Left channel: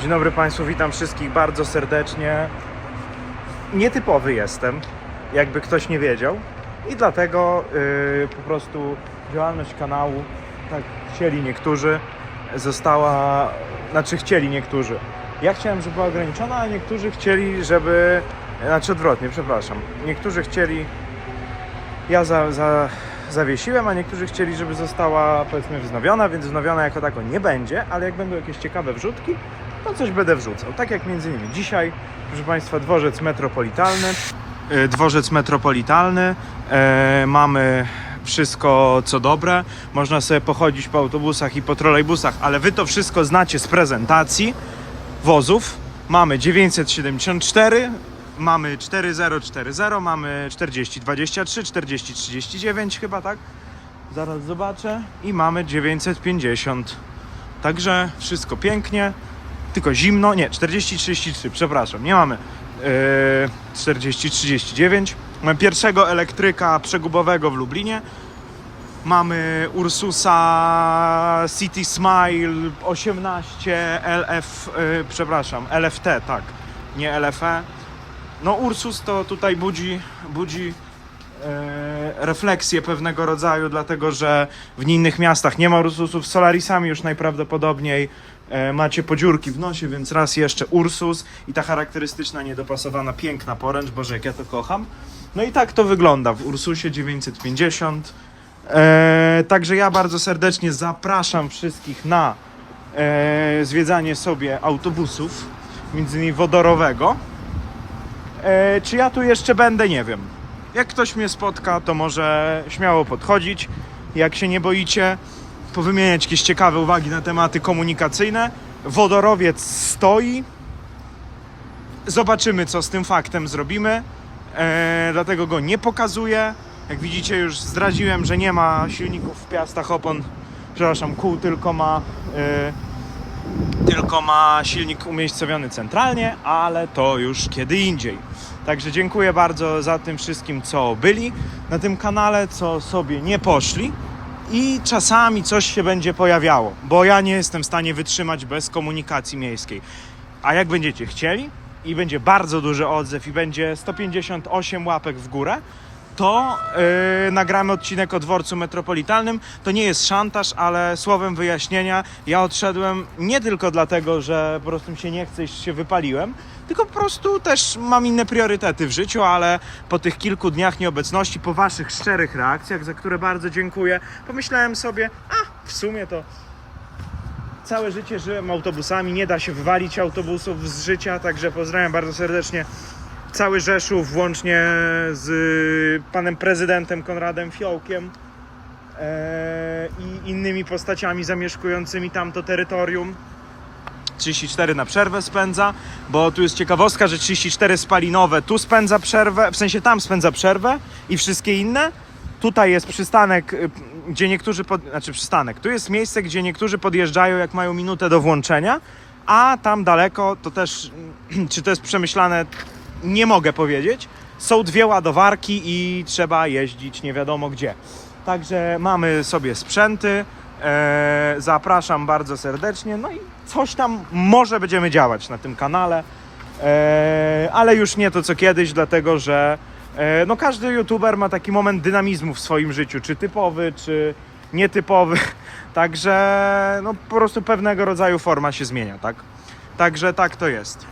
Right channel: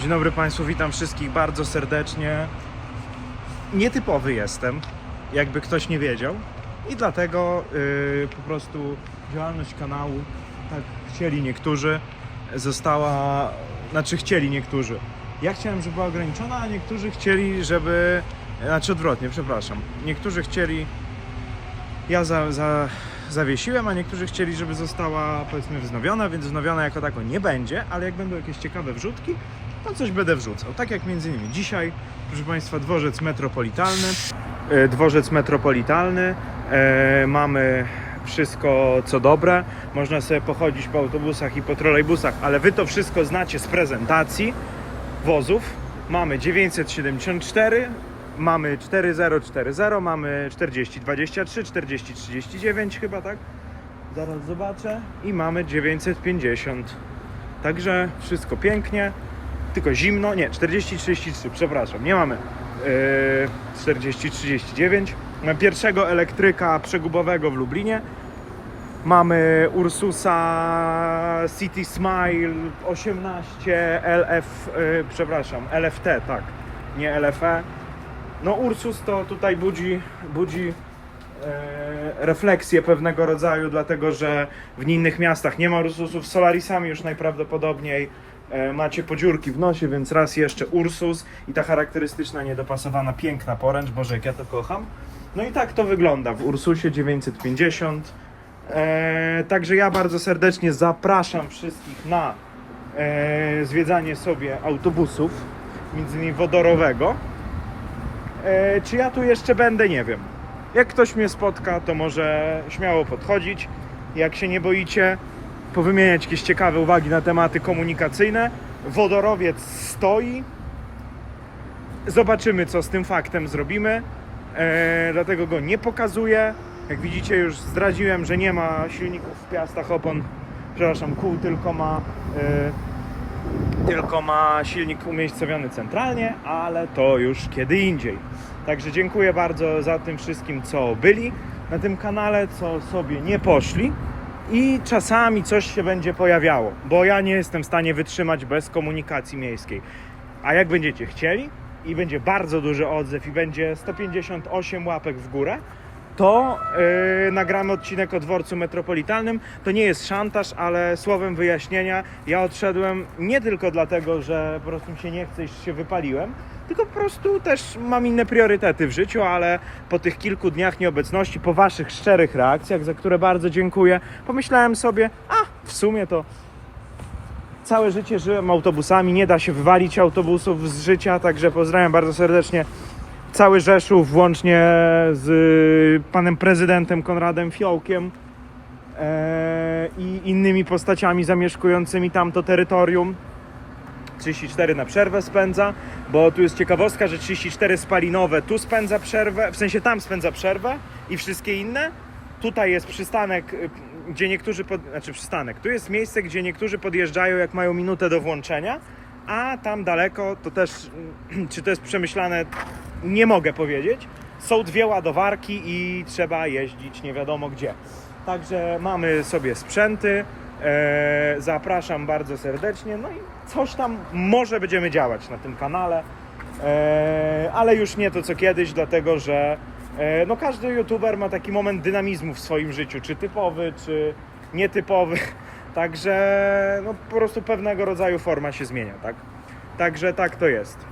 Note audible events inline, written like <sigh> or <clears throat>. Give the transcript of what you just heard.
Dzień dobry Państwu, witam wszystkich bardzo serdecznie. Nietypowy jestem, jakby ktoś nie wiedział. I dlatego yy, po prostu działalność kanału, tak chcieli niektórzy, została, znaczy chcieli niektórzy. Ja chciałem, żeby była ograniczona, a niektórzy chcieli, żeby, znaczy odwrotnie, przepraszam. Niektórzy chcieli, ja za, za, zawiesiłem, a niektórzy chcieli, żeby została powiedzmy wznowiona, więc wznowiona jako tako nie będzie, ale jak będą jakieś ciekawe wrzutki, to coś będę wrzucał. Tak jak między innymi dzisiaj, proszę Państwa, dworzec metropolitalny. E, Dworzec metropolitalny. E, mamy wszystko co dobre. Można sobie pochodzić po autobusach i po trolejbusach, ale Wy to wszystko znacie z prezentacji wozów. Mamy 974, mamy 4040, mamy 4023, 4039 chyba, tak? Zaraz zobaczę. I mamy 950. Także wszystko pięknie, tylko zimno. Nie, 4033, przepraszam, nie mamy yy, 4039. Mamy pierwszego elektryka przegubowego w Lublinie. Mamy Ursusa City Smile 18 LF, yy, przepraszam, LFT, tak, nie LFE. No Ursus to tutaj budzi, budzi e, refleksję pewnego rodzaju, dlatego że w innych miastach nie ma Ursusów. Z Solarisami już najprawdopodobniej macie podziurki w nosie, więc raz jeszcze Ursus i ta charakterystyczna, niedopasowana, piękna poręcz, Boże jak ja to kocham. No i tak to wygląda w Ursusie 950. E, także ja bardzo serdecznie zapraszam wszystkich na e, zwiedzanie sobie autobusów, między innymi wodorowego. E, czy ja tu jeszcze będę, nie wiem. Jak ktoś mnie spotka, to może śmiało podchodzić. Jak się nie boicie, powymieniać jakieś ciekawe uwagi na tematy komunikacyjne. Wodorowiec stoi. Zobaczymy, co z tym faktem zrobimy. E, dlatego go nie pokazuję. Jak widzicie, już zdradziłem, że nie ma silników w piastach opon, przepraszam, kół, tylko ma. E, tylko ma silnik umiejscowiony centralnie, ale to już kiedy indziej. Także dziękuję bardzo za tym wszystkim, co byli na tym kanale, co sobie nie poszli. I czasami coś się będzie pojawiało, bo ja nie jestem w stanie wytrzymać bez komunikacji miejskiej. A jak będziecie chcieli i będzie bardzo duży odzew i będzie 158 łapek w górę, to yy, nagramy odcinek o dworcu metropolitalnym. To nie jest szantaż, ale słowem wyjaśnienia, ja odszedłem nie tylko dlatego, że po prostu mi się nie chce się wypaliłem, tylko po prostu też mam inne priorytety w życiu, ale po tych kilku dniach nieobecności, po waszych szczerych reakcjach, za które bardzo dziękuję, pomyślałem sobie, a w sumie to całe życie żyłem autobusami, nie da się wywalić autobusów z życia, także pozdrawiam bardzo serdecznie cały Rzeszów, włącznie z panem prezydentem Konradem Fiołkiem e, i innymi postaciami zamieszkującymi tamto terytorium. 34 na przerwę spędza, bo tu jest ciekawostka, że 34 spalinowe tu spędza przerwę, w sensie tam spędza przerwę i wszystkie inne. Tutaj jest przystanek, y, gdzie niektórzy, pod, znaczy przystanek, tu jest miejsce, gdzie niektórzy podjeżdżają jak mają minutę do włączenia, a tam daleko to też, <clears throat> czy to jest przemyślane, nie mogę powiedzieć. Są dwie ładowarki i trzeba jeździć nie wiadomo gdzie. Także mamy sobie sprzęty. E, zapraszam bardzo serdecznie. No i coś tam może będziemy działać na tym kanale. E, ale już nie to co kiedyś, dlatego że e, no każdy youtuber ma taki moment dynamizmu w swoim życiu, czy typowy, czy nietypowy. <laughs> Także no po prostu pewnego rodzaju forma się zmienia, tak? Także tak to jest.